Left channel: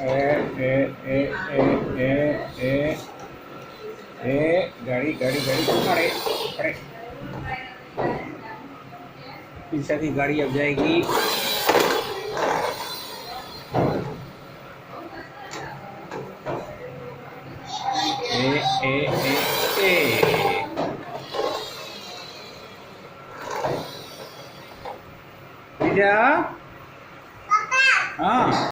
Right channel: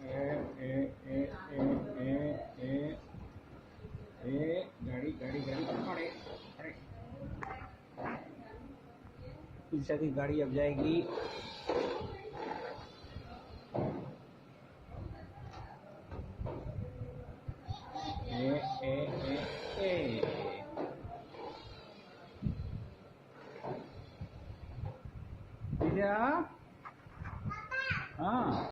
ए ए ए ए ए ए गाड़ी गाड़ी गाड़ी अरे अरे पीछे की गाड़ी अब जाएगी। ए ए ए ए पीछा हाँ